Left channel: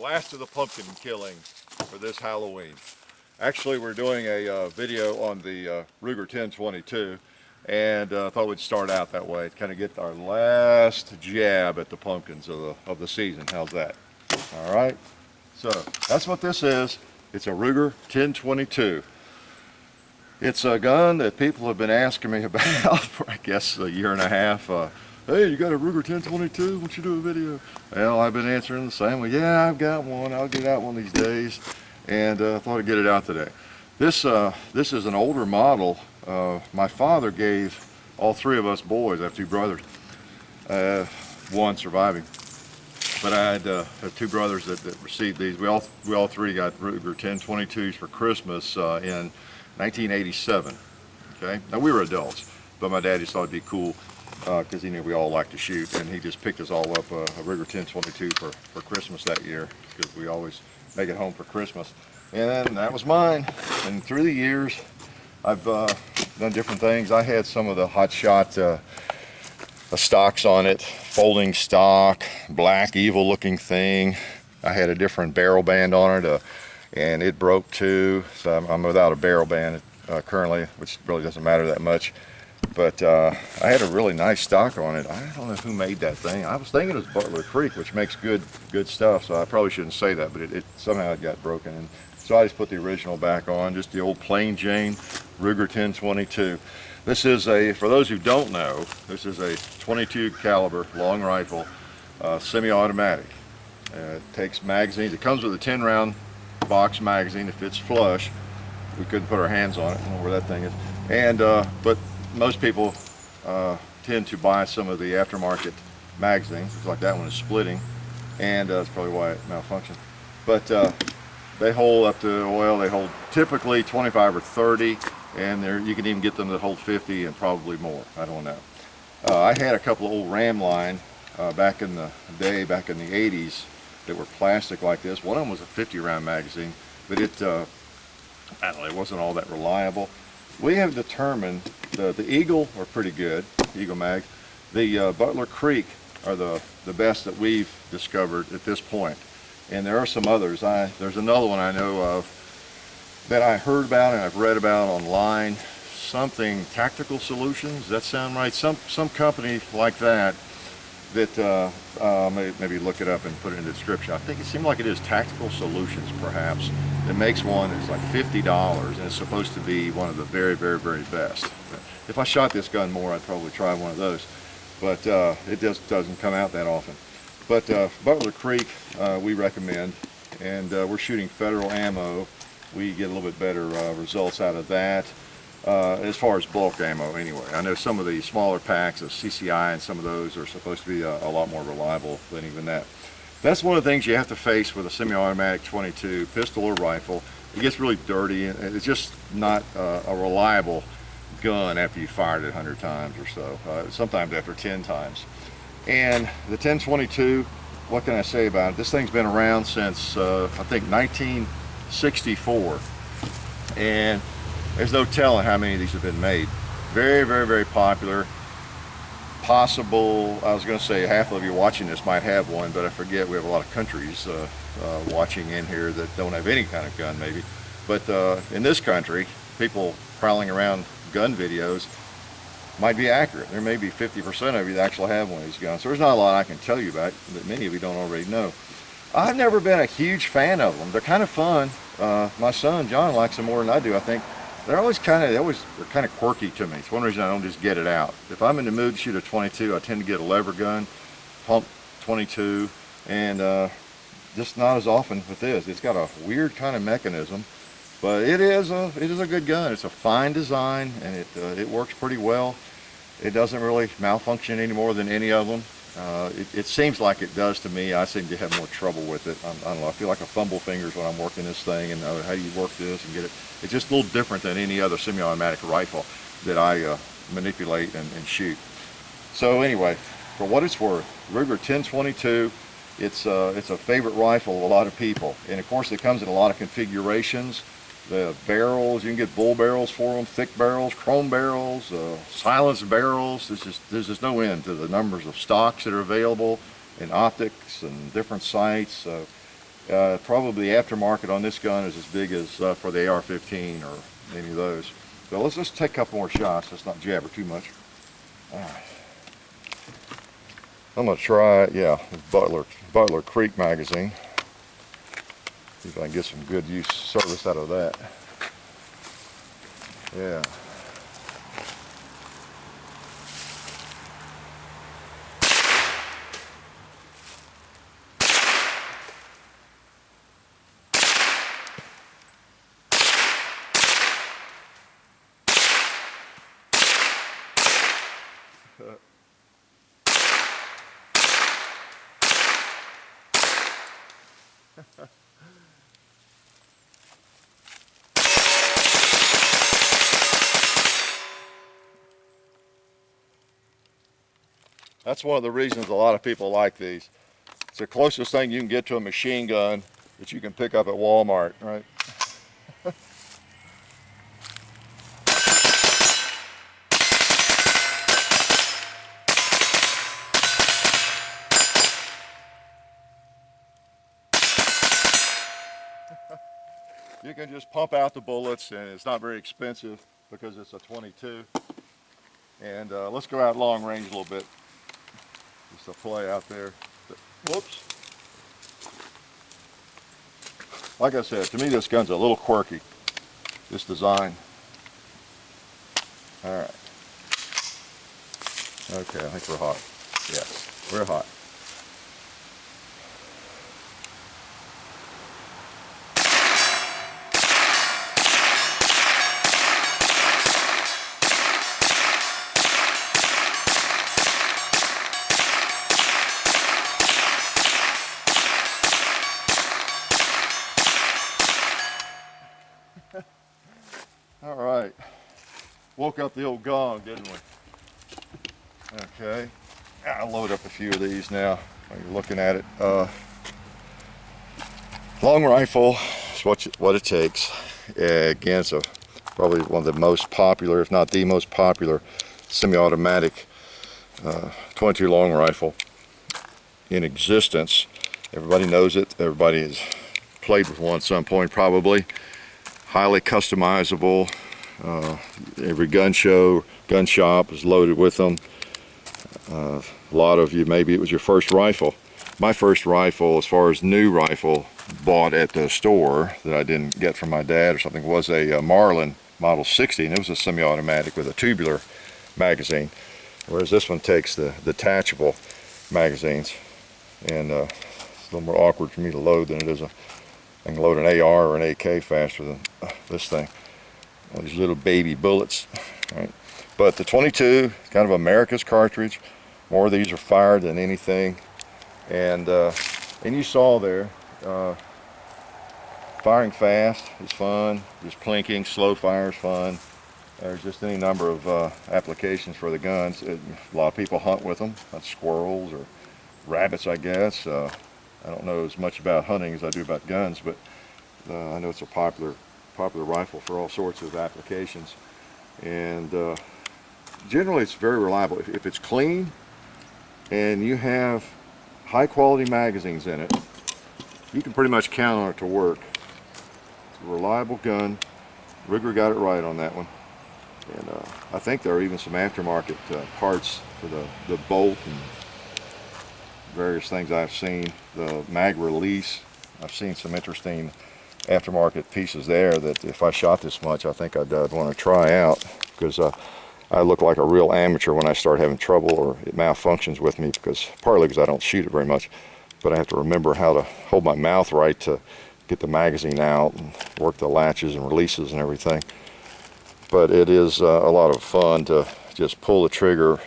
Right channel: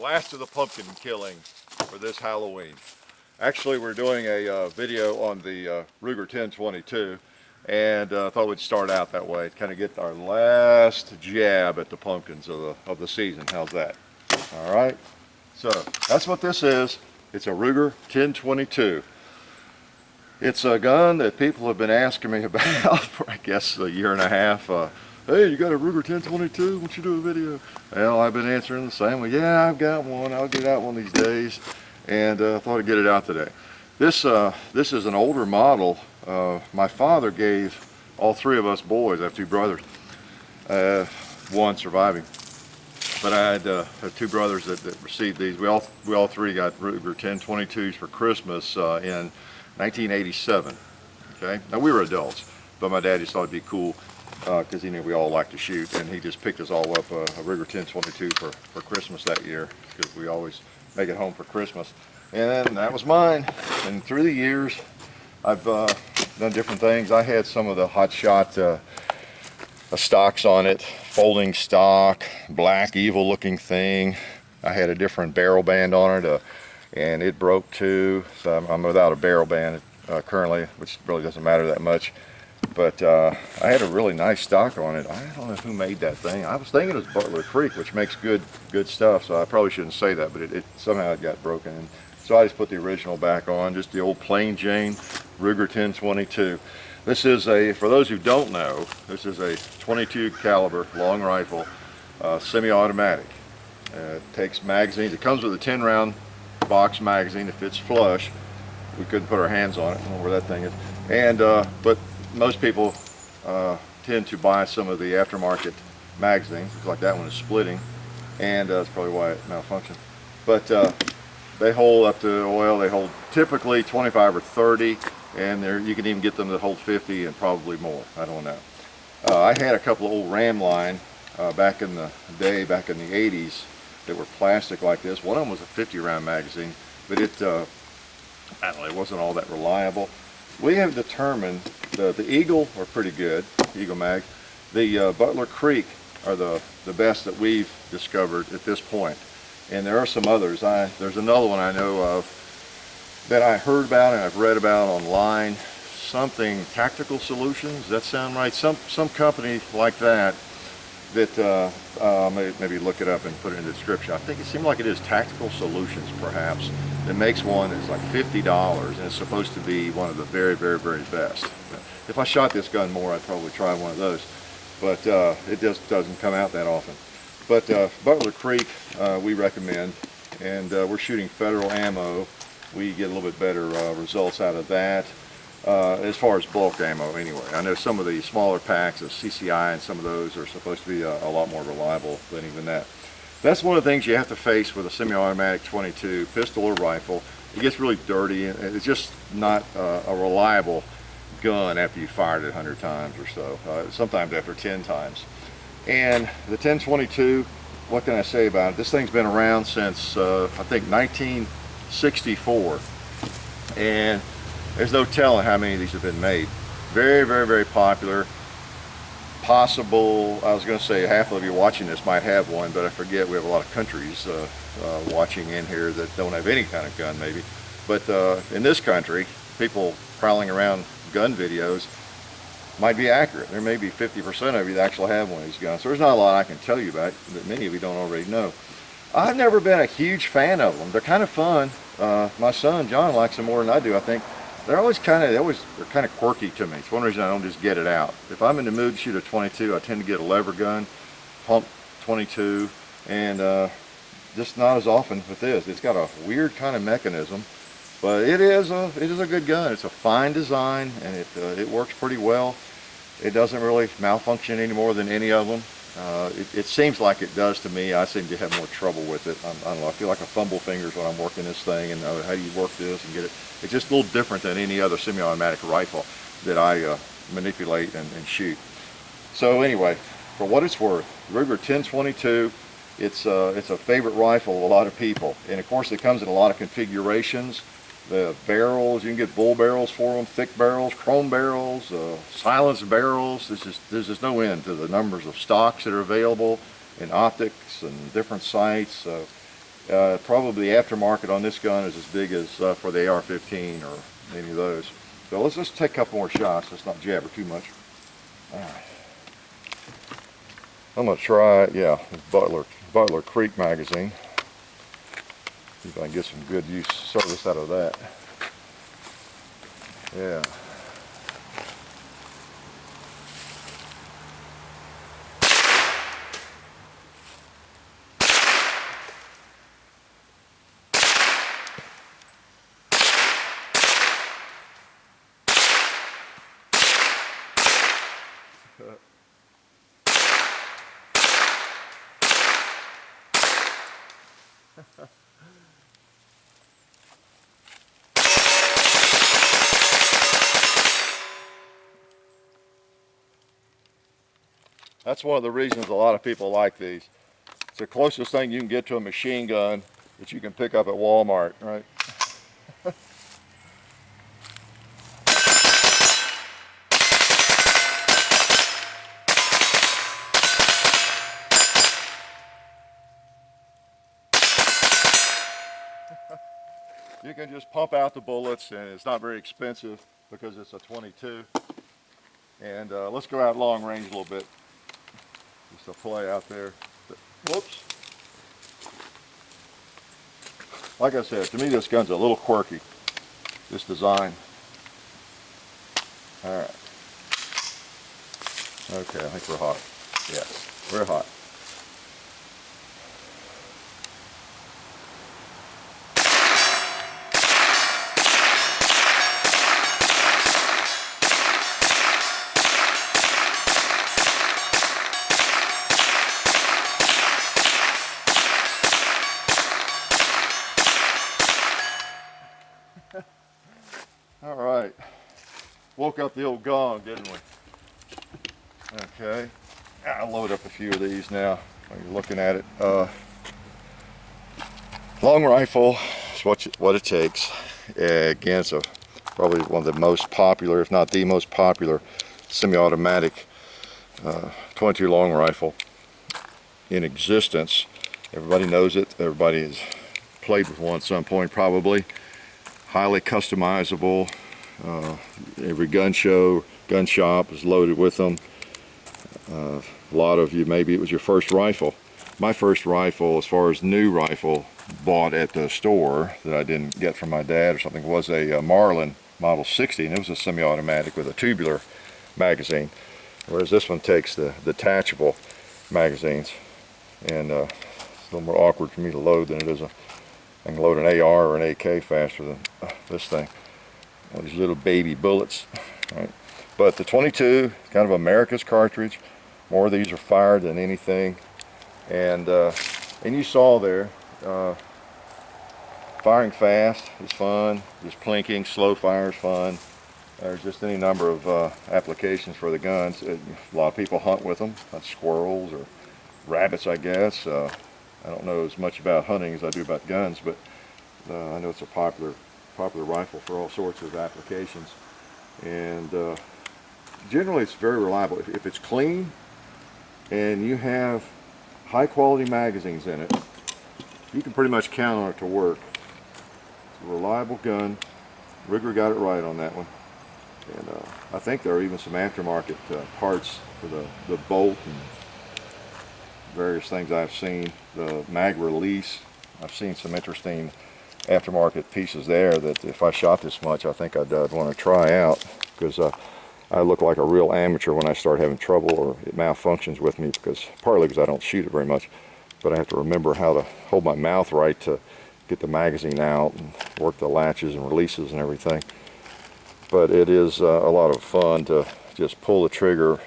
last of the pumpkin killing for this Halloween. Actually, we're doing a video on the Ruger 1022, and thought we'd start out that way to kind of get our last jab at the pumpkins of the season. How's that? All right. So that's what this is. It's a Ruger 1022. It's a gun that people have been asking me about for, I guess, a year and a half. Hey, you got a Ruger 1022? Why don't you do a video? Well, I've been answering the same. Well, yeah, I've got one. I'll get out one these days, and thought I'd get it out today. This is an older model. My father gave all three of us boys. I have two brothers, one surviving, but I had two brothers that received these. We all three got Ruger 1022s for Christmas in 1987. Okay, now we were adults, but my dad just thought it'd be cool because he knew we all liked to shoot, and he just picked us all up a Ruger 1022 for Christmas that year, because we always make it home for Christmas. And that was mine. And through the years, I've done different things. I had some of the Hot Shot stocks on it, folding stock, black evil looking thing. I had a different barrel band on it, and it broke too, so I'm without a barrel band currently, which really doesn't matter that much. But I had a really nice stock on it. I don't know who made that thing. I was thinking it was Butler Creek, which makes good stuff, so I probably shouldn't say that, but somehow it got broken. And so I just put the original back on, just the old plain Jane Ruger 1022. This is for those who don't know, this is a 22 caliber long rifle, semi-automatic. It takes magazines. It comes with a 10 round box magazine. It fits flush. We couldn't put our hands on it. I don't know where that thing is. And but most people tend to buy some of the aftermarket magazines. Looks like that one is splitting, and that's probably why it malfunctioned. But they hold up to, well, they hold typically 25 or 30, and you can even get them that hold 50 and probably more. I don't know. I had a couple of old Ram line back in the day, back in the 80s, that were plastic like this. One of them was a 50 round magazine, but I don't know, it wasn't all that reliable. We have determined the Eagle are pretty good, Eagle mags. The Butler Creek are the best that we've discovered at this point. And there are some others. There's another one I know of that I heard about and I've read about online. Something Tactical Solutions, does that sound right? Some company like that maybe look it up and put it in the description. I think it seemed like it is Tactical Solutions, perhaps. It makes one that's like $50, and it's supposed to be one of the very, very, very best. If I shot this gun more, I'd probably try one of those, but it just doesn't come out that often. But Butler Creek we recommend, and we're shooting federal ammo. We get a little bit better results out of that. As far as bulk ammo anyway. I know some of the smaller packs of CCI and some of those are supposed to be a lot more reliable than even that. That's one of the things you have to face with a semi-automatic 22, pistol or rifle. It gets really dirty, and it's just not a reliable gun after you fired it 100 times or so, sometimes after 10 times. And the 1022, what can I say about it? This thing's been around since I think 1964, and there's no telling how many of these have been made. Very, very, very popular. Possible, I was going to say half of you watching this might have one, but I forget we have a lot of countries watching in here that don't have any kind of gun maybe. But in this country, people prowling around gun videos might be accurate. There may be 50% of you that actually have one of these guns. So there's not a lot I can tell you about that many of you don't already know. I've never been a huge fan of them. They're kind of fun. My son John likes them more than I do, I think. They're kind of quirky to me. It's one reason I don't just get it out. If I'm in the mood to shoot a 22, I tend to get a lever gun, pump 22, and just not as often with this. It's got a weird kind of mechanism, but it is a good gun. It's a fine design, and it works pretty well. It doesn't really malfunction any more than any of them. It seems like it does to me. I seem to have more trouble with it. I don't know, I feel like I fumble fingers when I'm working this thing, and how do you work this and get it. It's just a little different than any other semi-automatic rifle that I manipulate and shoot. So anyway, for what it's worth, Ruger 1022, it's a favorite rifle of a lot of people. And of course it comes in a lot of configurations. The barrels, you can get bull barrels for them, thick barrels, chrome barrels, silenced barrels. There's just no end to the numbers of stocks that are available, and optics and different sights. Probably the aftermarket on this gun is as big as for the AR-15 or any of those. So let's just take a couple more shots. Let's not jabber too much. All right. I'm gonna try, yeah, Butler Creek magazine. See if I can get some good use service out of that. Yeah. That's one of the reasons a lot of people like these. It's the closest thing you can get to a machine gun that you can pick up at Walmart, right? You can just pump out the bullets, and it's not very expensive because it's a 22. And let's go out long range a little bit. Just a play out there. Whoops. Like I said, to me this gun's a little quirky, this design. All right. Okay, I think we're hot. Yes, we're hot. All right, woke up the old gong, didn't we? Okay, I'll load up a few of these now when you're looking at it. Long rifle is what it takes. Again, it's probably one of the most popular, if not the most popular, semi-automatic 22 long rifle in existence. Everybody knows it. Everybody has played with one at some point probably. Highly customizable. Every gun show, gun shop is loaded with them. A lot of you, maybe it was your first rifle. My first rifle, as far as new rifle, bought at the store that I didn't get from my dad or something, was a Marlin Model 60, and it was a semi-automatic with a tubular magazine. Whereas this one takes the detachable magazines, and it's a little more awkward for me to load than it is I can load an AR or an AK faster than this thing. All these little baby bullets, right? But the 22, kind of America's cartridge. More of these are fired than anything. And you saw there, firing fast is fun. Just plinking, slow fire is fun. There's just any number of applications for the guns. A lot of people hunt with them. Hunt squirrels or rabbits, I guess. I don't know as much about hunting as I do about guns, but I know it's a popular rifle for all sorts of applications. And generally it's very reliable. If it's clean and you have high quality magazines in it, you can pretty much count on it to work. It's a reliable gun. Ruger got it right on that one. And I think there are even some aftermarket parts for the bolt and various things I've seen. The mag release, I've seen some interesting aftermarket pieces there that if I shot this much, I think I'd want to try out, because I look like a real amateur when I start having trouble or it malfunctions with me, partly because I don't shoot it very much, but I have to remember how to hold my mouth right to get the magazine out and work the latches and releases and everything. But it is a lot of fun to just pull the trigger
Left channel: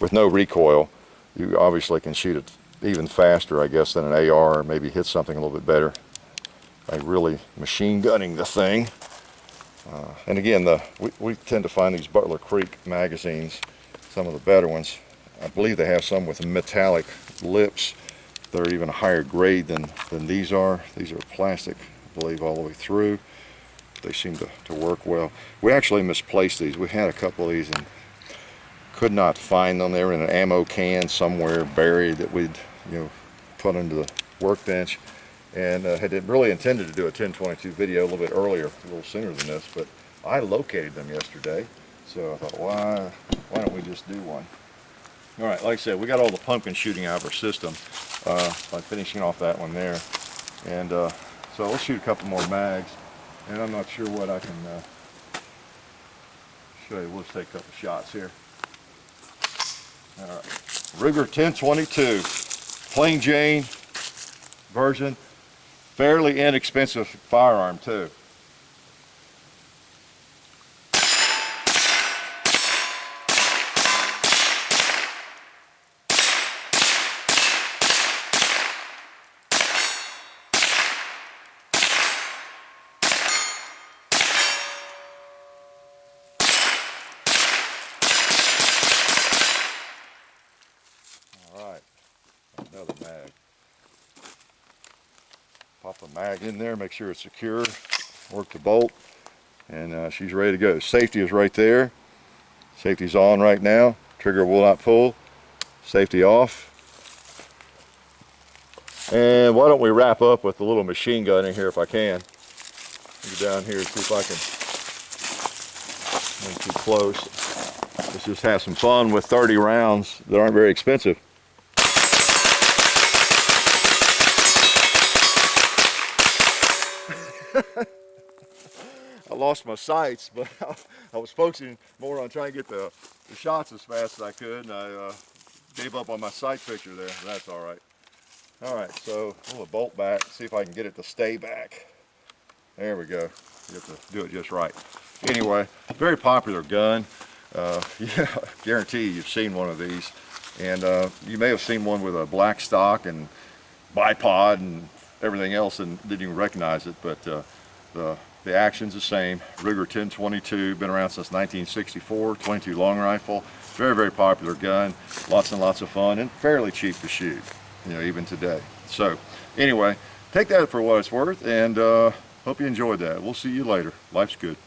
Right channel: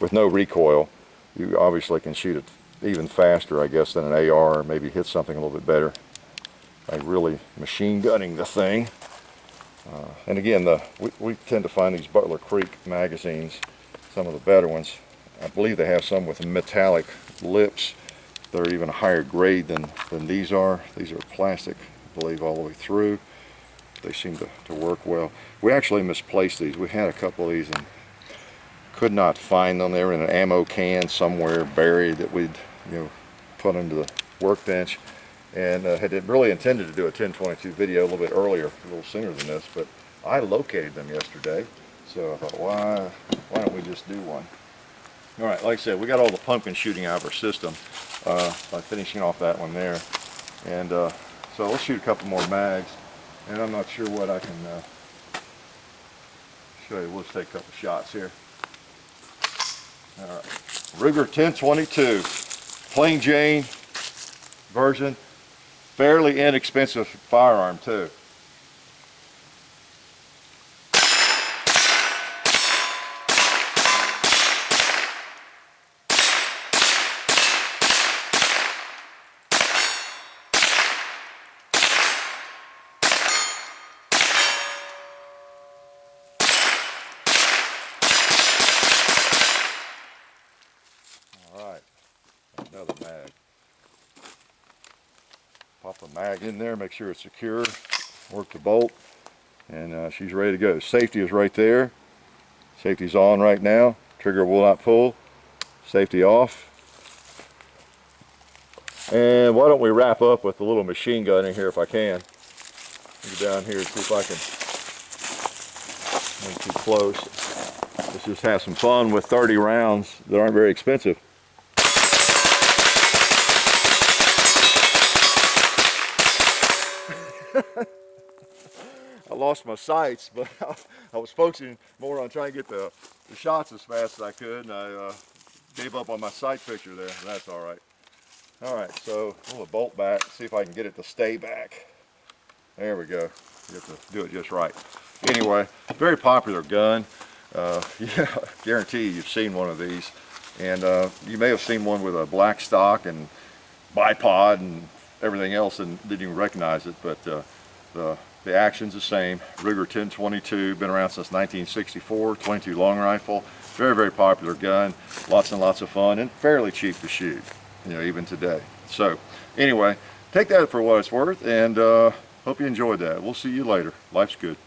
with no recoil. You obviously can shoot it even faster, I guess, than an AR, or maybe hit something a little bit better by really machine gunning the thing. And again, we tend to find these Butler Creek magazines, some of the better ones. I believe they have some with metallic lips that are even a higher grade than these are. These are plastic, I believe, all the way through. They seem to work well. We actually misplaced these. We had a couple of these and could not find them. They were in an ammo can somewhere buried that we'd put under the workbench. and had really intended to do a 1022 video a little bit earlier, a little sooner than this, but I located them yesterday, so I thought, why don't we just do one? All right, like I said, we got all the pumpkin shooting out of our system by finishing off that one there, and so let's shoot a couple more mags, and I'm not sure what I can show you. We'll just take a couple shots here. All right, Ruger 1022, plain Jane version, fairly inexpensive firearm too. All right, another mag. Pop a mag in there, make sure it's secure, work the bolt, and she's ready to go. Safety is right there. Safety's on right now. Trigger will not pull. Safety off. And why don't we wrap up with a little machine gun in here if I can. Get down here and see if I can. Not too close. Let's just have some fun with 30 rounds that aren't very expensive. I lost my sights, but I was focusing more on trying to get the shots as fast as I could, and I gave up on my sight picture there. That's all right. All right, so we'll bolt back, see if I can get it to stay back. There we go. You have to do it just right. Anyway, very popular gun. Yeah, I guarantee you've seen one of these, and you may have seen one with a black stock and bipod and everything else and didn't even recognize it, but the action's the same. Ruger 1022, been around since 1964, 22 long rifle. Very, very popular gun, lots and lots of fun, and fairly cheap to shoot, you know, even today. So anyway, take that for what it's worth, and hope you enjoyed that. We'll see you later. Life's good.